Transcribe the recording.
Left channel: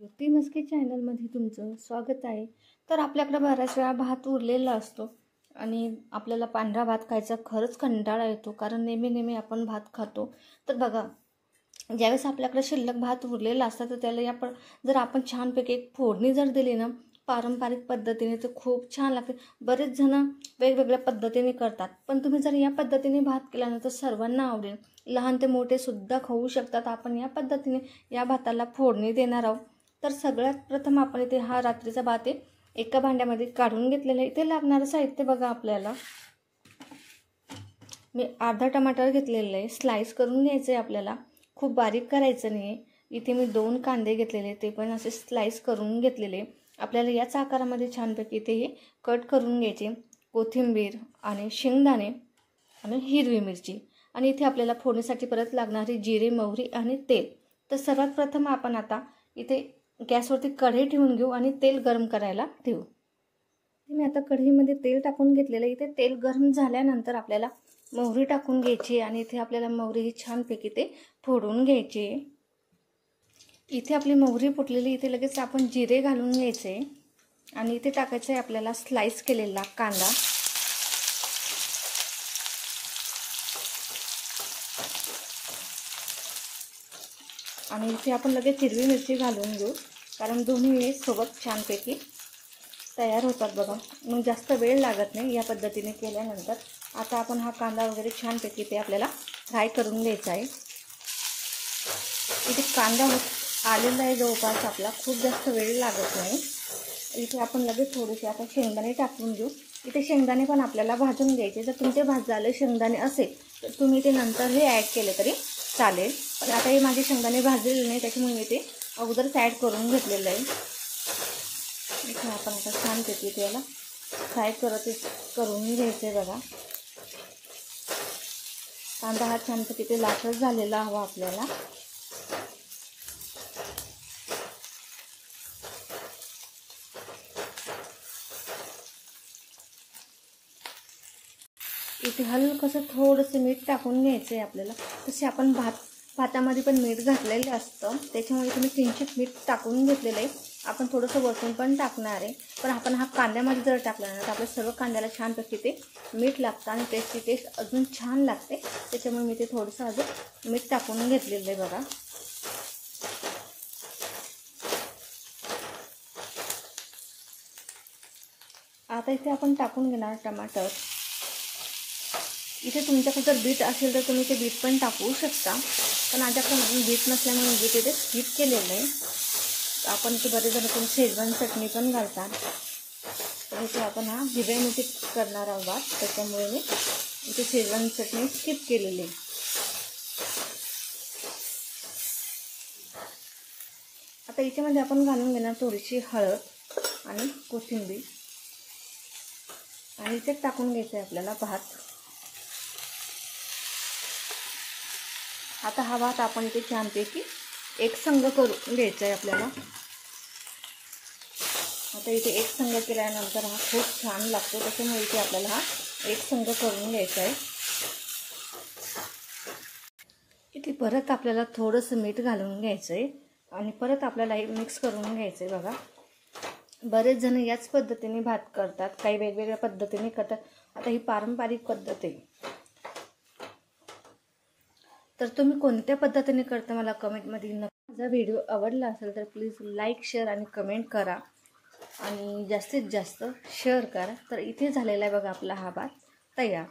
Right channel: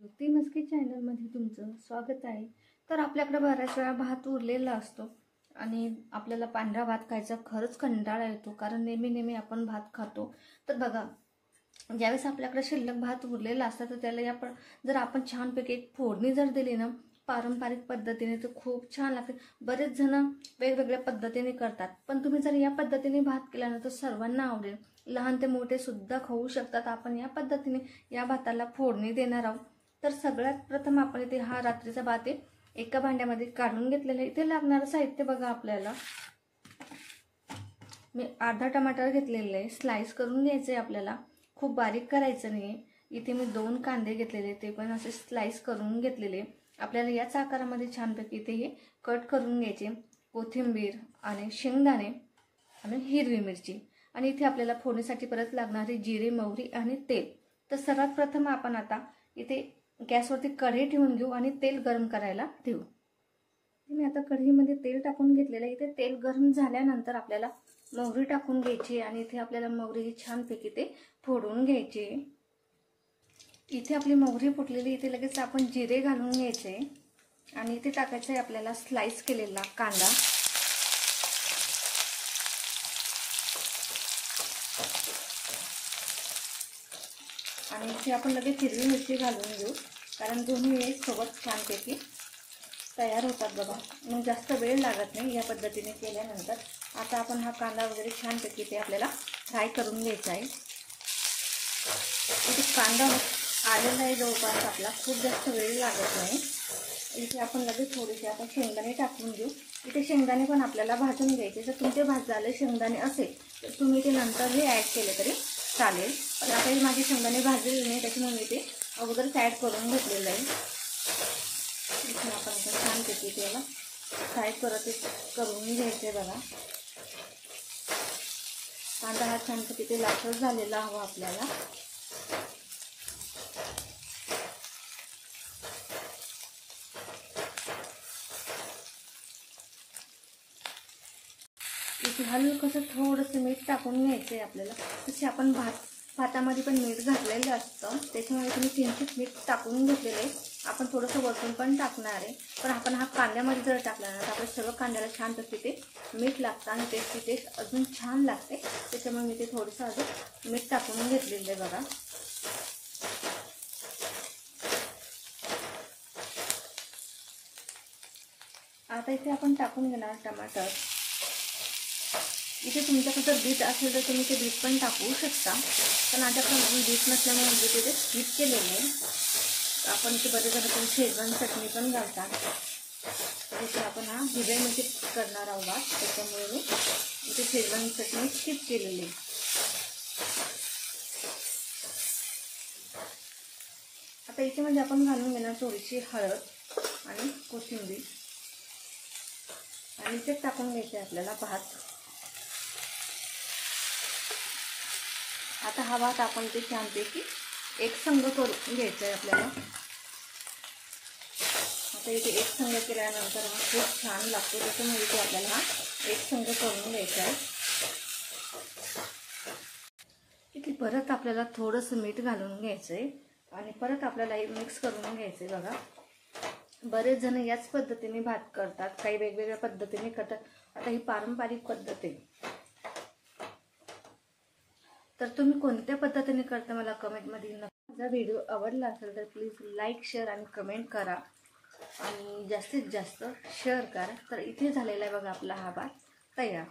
ज्योती मस्के चॅनलमध्ये तुमचं स्वागत आहे। तर आपल्याकडे बऱ्याच वेळा भात उरलेला असतो आणि आपल्याला पांढरा भात खायचा खरंच कंटाळा येतो, कारण नेहमी आपण भात खातो। तर बघा, ज्यावेळेस आपल्याकडे शिल्लक भात उरलेला असतं तर त्याला जर आपण छानपैकी एक फोडणी जर दिली ना पारंपरिक पद्धतीने तर खूप छान लागते। बरेच जण वेगवेगळ्या पद्धतीने करतात, पण तुम्ही जर या पद्धतीने भात केला ना तर सर्वांना आवडेल, लहान ते मोठे सुद्धा खाऊ शकतात। आपण या पद्धतीने या भाताला फोडणी देणार आहोत। तर सगळ्यात प्रथम आपण इथे हा रात्रीचा भात आहे एका भांड्यामध्ये काढून घेतलेला आहे। इथे लागणारं साहित्य बघा, आपल्याला मी अर्धा टमाटर घेतलेला आहे, स्लाइस करून घ्यायचे आपल्याला, खूप बारीक करायचं नाही। इथे मी 2 कांदे घेतलेले, ते पण असे स्लाइस करून घेतलेले। आपल्याला याच आकारामध्ये छानपैकी इथे हे कट करून घ्यायचे। कोथिंबीर आणि शेंगदाणे आणि हिरवी मिरची, आणि इथे आपल्याला फोडणीसाठी परत लागणारी जिरे, मोहरी आणि तेल। तर सर्वात प्रथम आपण आता इथे गॅसवरती कढई ठेवून घेऊ आणि तेल गरम करायला ठेवू। मी आता कढईमध्ये तेल टाकून घेतलेलं। इथे तेल गरम झाल्यानंतर आपल्याला मोहरी टाकून घ्यायची आणि इथे आपल्याला मोहरी ही छानपैकी ते फोडून घ्यायची। इथे आपली मोहरी फुटलेली, इथे लगेच आपण जिरे घालून घ्यायचे आणि इथे टाकायचं आहे आपल्याला स्लाइस केलेला कांदा। आणि इथे आपण लगेच हिरवी मिरची घालून घेऊ, कारण दोन्ही सोबत छानपैकी तयार होतात बघा, मग जास्त वेळ लागत नाही या पद्धतीने केल्यानंतर। आता आपण हा कांदा वगैरे छानपैकी ते आपल्याला फ्राय करून घ्यायचा आहे। इथे कांदा आलेला आहे जवळपास आपला, खूप जास्त वेळ लागत नाही। इथे आपण लगेच थोडेसे आपण शेंगदाणे टाकून घेऊ। इथे शेंगदाणे पण आपल्याला भाजून घ्यायचे। जर तुमचे भाजलेले शेंगदाणे असेल तर तुम्ही ते नंतर हे ॲड केले तरी चालेल, पण आता हे माझे शेंगदाणे भाजलेले नाही, त्याच्यामुळे मी ते अगोदरच ॲड करून घेतलेलं आहे। इथे आपण आता छानपैकी त्याला फ्राय करून घ्यायचे बघा। कांदा हा छानपैकी ते लालसर झालेला हवा आपल्याला। इथे हलकसं थोडंसं मीठ टाकून घ्यायचं आहे आपल्याला। तसे आपण भातामध्ये पण मीठ घातलेलं असतं, त्याच्यामुळे तुम्ही किंचित मीठ टाकून घेतलेलं आहे। आपण थोडंसं वरतून पण टाकणार आहे, पण आपण हा कांद्यामध्ये जर टाकला ना तर आपल्या सर्व कांद्याला छानपैकी ते मीठ लागतं आणि टेस्टी टेस्ट अजून छान लागते। त्याच्यामुळे मी ते थोडंसं अजून मीठ टाकून घेतलेलं आहे बघा। आता इथे आपण टाकून घेणार टमाटर। इथे तुमच्याकडे जर बीट असेल तर तुम्ही ते बीट पण टाकू शकता, पण माझ्याकडे बीट नसल्यामुळे बीट इथे स्किप केलेलं आहे। आपण इथे बरेच जण तुम्ही शेजवान चटणी पण घालता, तर इथे आपण हा हिरव्या मिरची करणार आहोत, त्याच्यामुळे मी इथे शेजवान चटणी स्किप केलेली आहे। आता याच्यामध्ये आपण घालून घेणार थोडीशी हळद आणि कोथिंबीर, आणि इथे टाकून घ्यायचं आहे आपल्याला भात। आता हा भात आपण इथे छानपैकी एकसंग करून घ्यायचा आहे आपल्याला। आता इथे एकसंग केल्यानंतर हा खूप छान लागतो, त्याच्यामुळे इथे आपल्याला हा एकसंग करून घ्यायचा आहे। इथे परत आपल्याला थोडंसं मीठ घालून घ्यायचं आहे आणि परत आपल्याला हे मिक्स करून घ्यायचं आहे बघा। बरेच जण याच पद्धतीने भात करतात, काही वेगवेगळ्या पद्धतीने करतात। आता ही पारंपरिक पद्धत आहे, तर तुम्ही कोणत्या पद्धतीने करता मला कमेंटमध्ये नक्की। माझा व्हिडिओ आवडला असेल तर प्लीज लाईक, शेअर आणि कमेंट करा, आणि जास्तीत जास्त शेअर करा। तर इथे झालेला आहे बघा आपला हा भात तयार।